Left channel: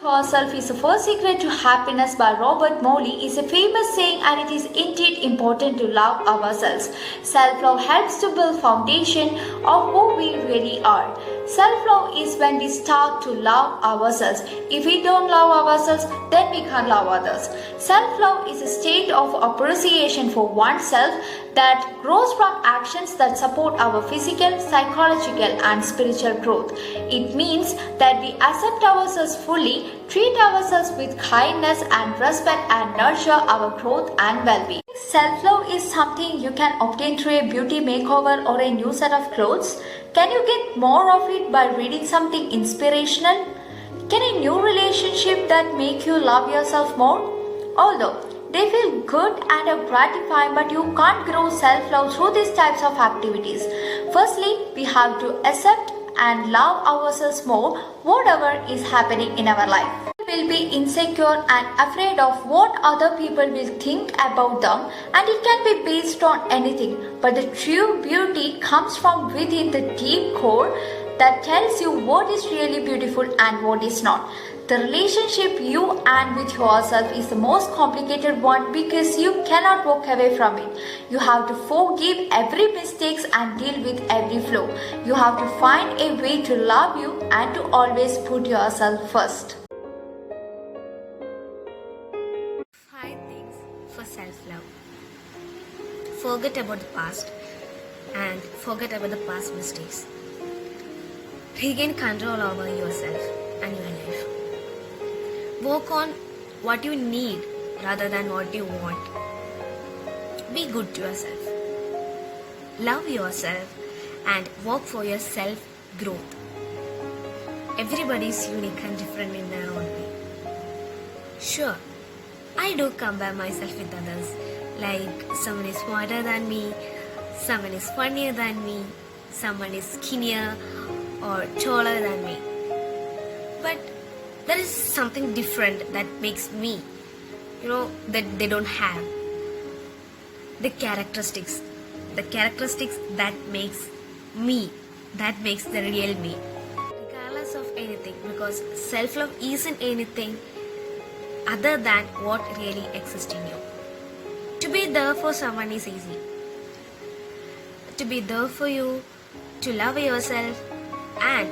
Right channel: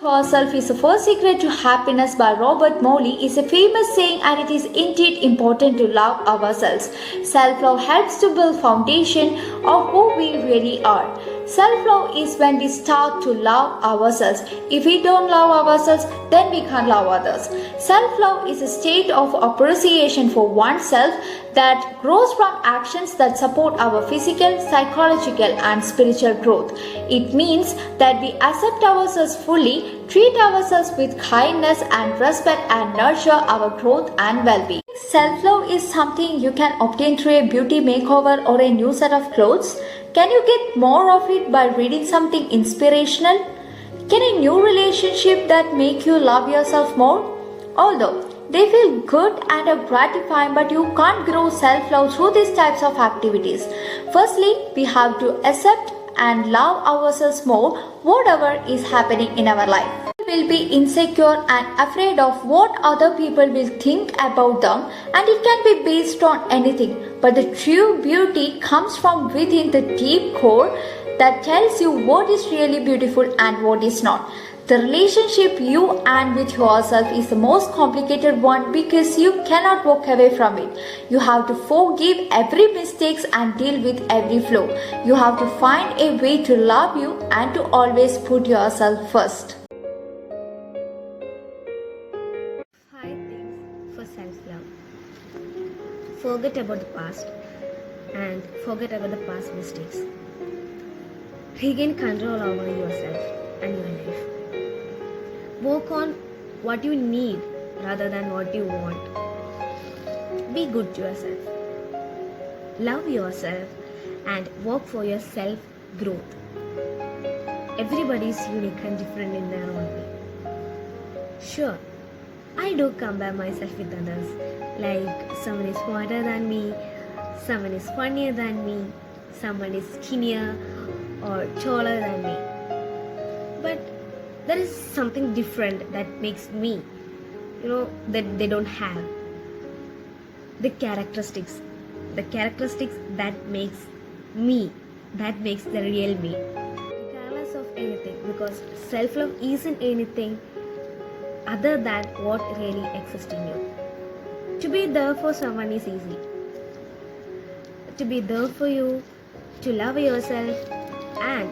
Yourself is the first secret to happiness by Robert Morley is a famous saying, and it is indeed important to love ourselves. Self-love helps to build foundation of who we really are. Self-love is when we start to love ourselves. If we don't love ourselves, then we can't love others. Self-love is a state of appreciation for oneself that grows from actions that support our physical, psychological, and spiritual growth. It means that we accept ourselves fully, treat ourselves with kindness and respect, and nurture our growth and well-being. Self-love is something you can obtain through a beauty makeover or a new set of clothes. Can you get more of it by reading something inspirational? Can a new relationship that make you love yourself more? Although they feel good and are gratifying, but you can't grow self-love through these types of activities. Firstly, we have to accept and love ourselves more, whatever is happening in our life. We will be insecure and afraid of what other people will think about them, and it can be based on anything. But the true beauty comes from within the deep core that tells you what is really beautiful and what is not. The relationship you and with yourself is the most complicated one because you cannot walk away from it. You have to forgive every mistakes and deal with every flaw. You have to find a way to love you and to always put yourself first. 5 things for self-love. Forget about the past and forget about the past mistakes. Regain control over yourself and your life. Work on what you need rather than what you want. Be good to yourself. Love yourself and work for your self-growth. Everybody is unique and different in their own way. Sure, I do compare myself with others. Like someone is smarter than me, someone is funnier than me, someone is skinnier or taller than me. But there is something different that makes me, that they don't have. The characteristics that makes me, that makes the real me. Regardless of anything, because self-love isn't anything other than what really exists in you. To be there for someone is easy. To be there for you, to love yourself, and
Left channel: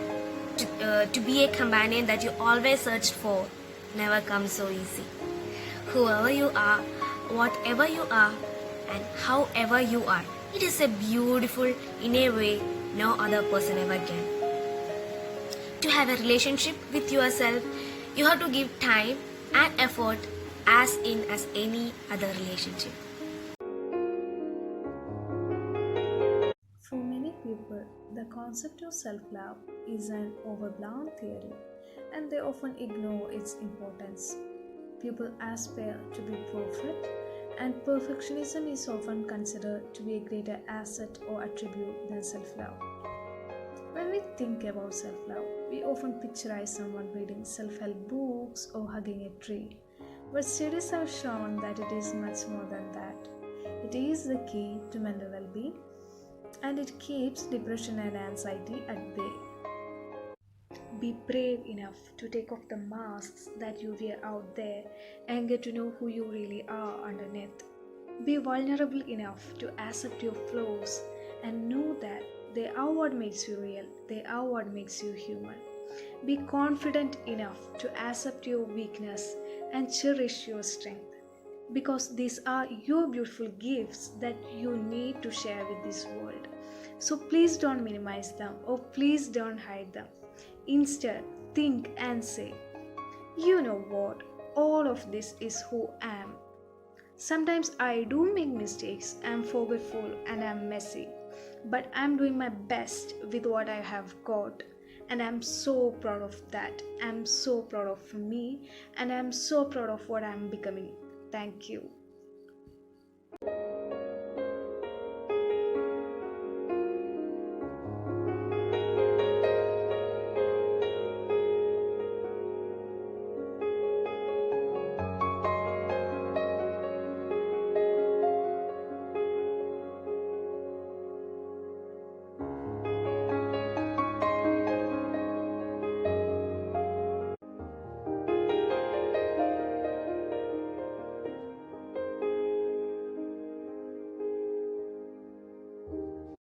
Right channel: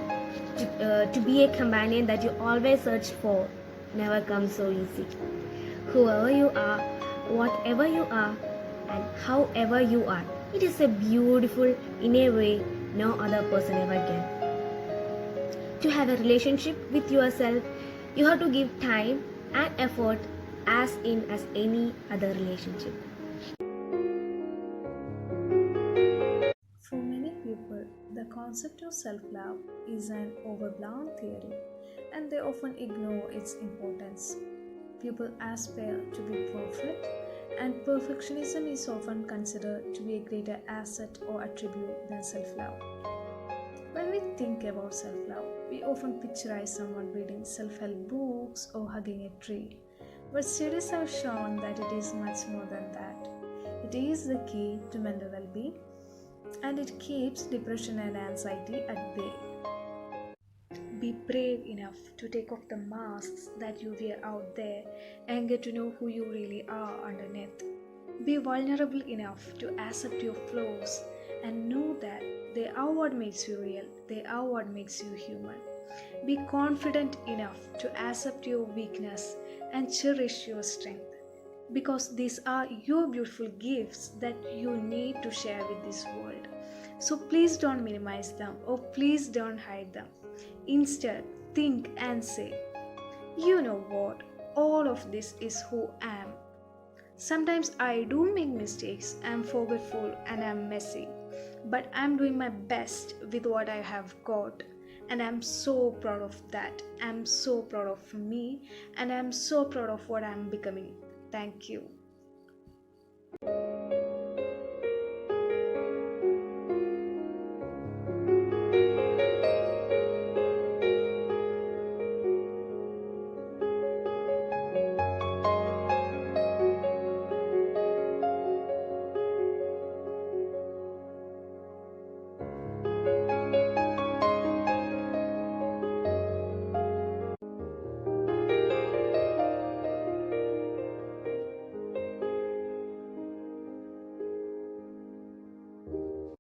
to be a companion that you always search for never comes so easy. Whoever you are, whatever you are, and however you are, it is a beautiful in a way no other person ever can. To have a relationship with yourself, you have to give time and effort as any other relationship. For many people, the concept of self-love is an overblown theory, and they often ignore its importance. People aspire to be perfect, and perfectionism is often considered to be a greater asset or attribute than self-love. When we think about self-love, we often picturize someone reading self-help books or hugging a tree. But studies have shown that it is much more than that. It is the key to mental well-being, and it keeps depression and anxiety at bay. Be brave enough to take off the masks that you wear out there and get to know who you really are underneath. Be vulnerable enough to accept your flaws and know that they are what makes you real, they are what makes you human. Be confident enough to accept your weakness and cherish your strength, because these are your beautiful gifts that you need to share with this world. So please don't minimize them, or please don't hide them. Instead, think and say, you know what? All of this is who I am. Sometimes I do make mistakes, I'm forgetful and I'm messy, but I'm doing my best with what I have got, and I'm so proud of that. I'm so proud of me, and I'm so proud of what I'm becoming. Thank you.